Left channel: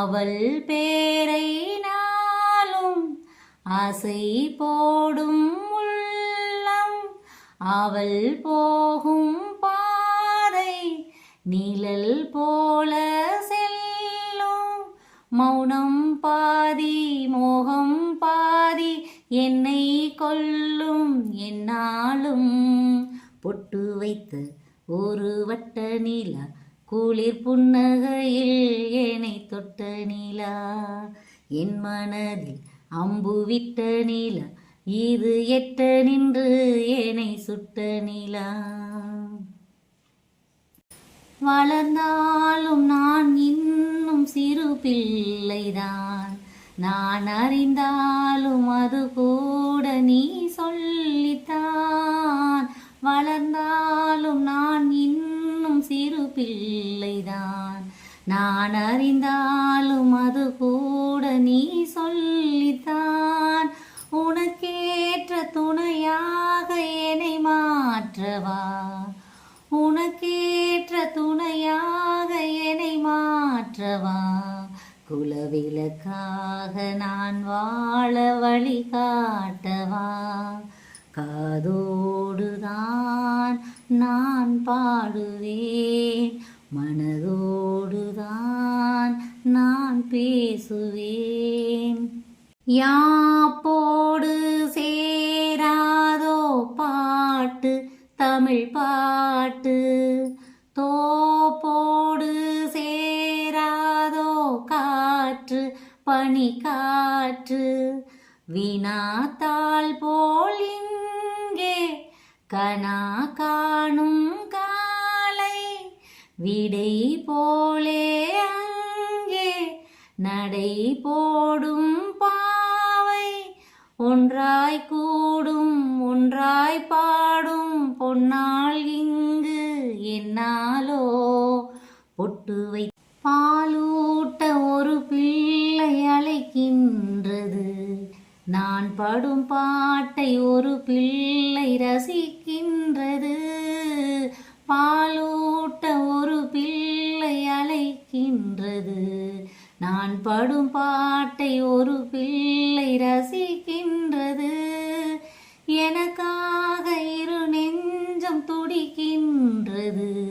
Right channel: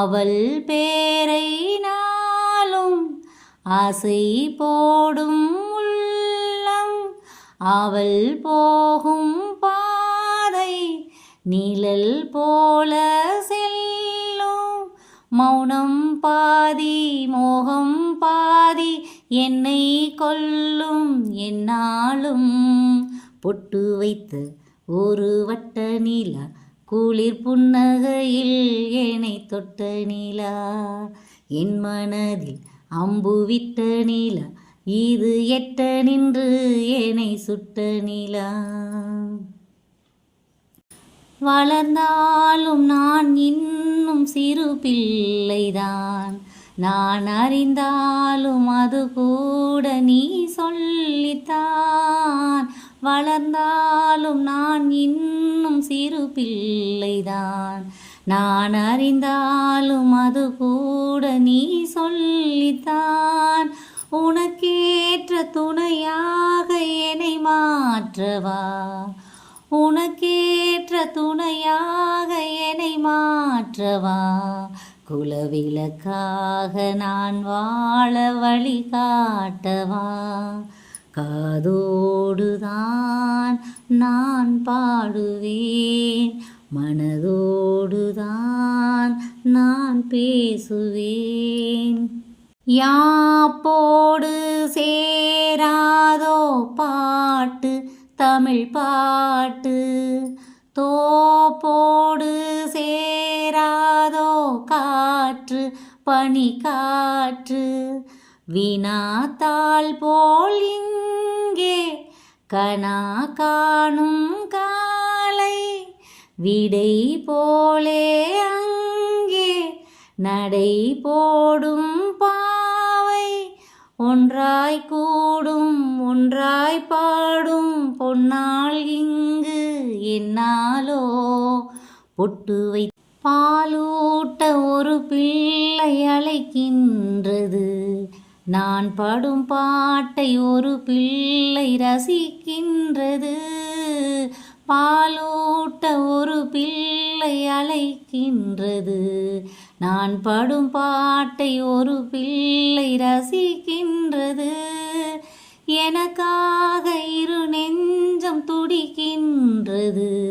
அவள் பேரை நாளும் ஆசை போடும் உள்ளம். அவள் போகும் பாதை நிழல் போல செல்லும். மௌனம் பாதி மோகம் பாதி என்னை கொல்லும் என்னாலும். பொட்டு வைத்த ஒரு வட்ட நிலா குளிர் புன்னகையில் என்னை தொட்ட நிலா. என் மனதில் அம்பு விட்ட நிலா. இது எட்ட நின்று என்னை சுட்ட நிலா. வளர்ந்தாலும் நான் இன்னும் சிறு பிள்ளைதான். நான் அறிந்தாலும் அது கூட நீ சொல்லித்தான். வளர்ந்தால் நான் அறிந்தாலும் அது கூட நீ சொல்லித்தான். உனக்கேற்ற துணையாக என்னை மாற்றவா? உனக்கேற்ற துணையாக என்னை மாற்றவா? குலவிளக்காக நான் வாழ வழி காட்டவா? காதோடுதான் நான் பாடுவேன். மனதோடுதான் நான் பேசுவேன். யாப்போடு சேராதோ பாட்டு தமிழ் பாட்டு. தோப்போடு சேராதோ காற்று பனி காற்று. வினாத்தாள் போல் இங்கே கனா காணும் விடை போலே அங்கே நடை போடும் பாவை. ஒன்றாய் கூடும் ஒன்றாய் பாடும் பொன்னால் இங்கு என்னாலோ? பொட்டு வை பாலூட்ட ஒரு பிள்ளை அழைக்கின்றது. நான் படும் பாட்டை ஒரு பிள்ளை ரசிக்கின்றது. ஒரு பிள்ளை ரசிக்கின்றது. எனக்காக இரு நெஞ்சம் துடிக்கின்றது.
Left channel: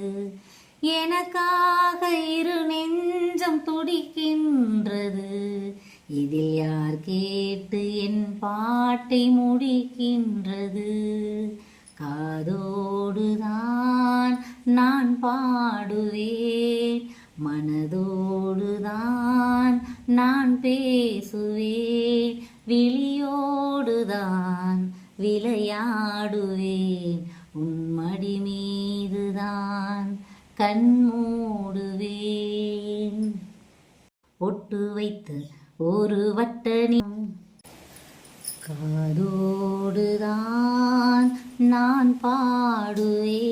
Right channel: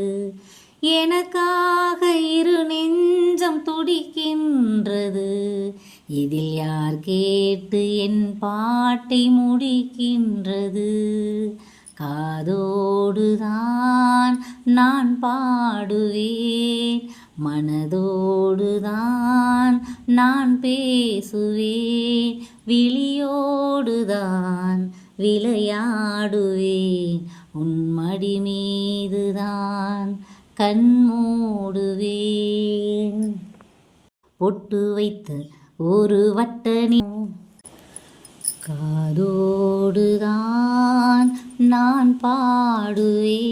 எனக்காக இரு நெஞ்சம் துடிக்கின்றது. இதில் யார் கேட்டு என் பாட்டை முடிக்கின்றது? காதோடுதான் நான் பாடுவேன். மன நான் விளையாடுவேன். உன்மடி மீதுதான் கண் மூடுவேன். பொட்டு வைத்த ஒரு வட்டணி காதோடுதான் நான் பாடுவேன்.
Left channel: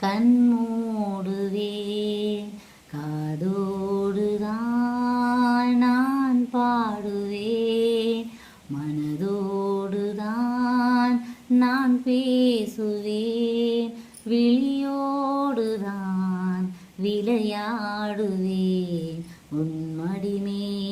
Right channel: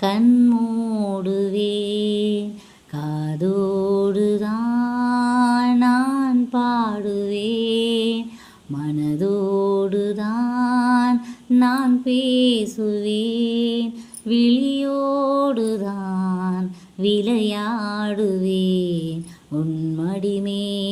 கண்மூடுவேன் கண் மூடுவேன். காதோடுதான் நான் பாடுவேன். மனதோடுதான் நான் பேசுவேன். விழியோடுதான் விளையாடுவேன். உன்மடிமே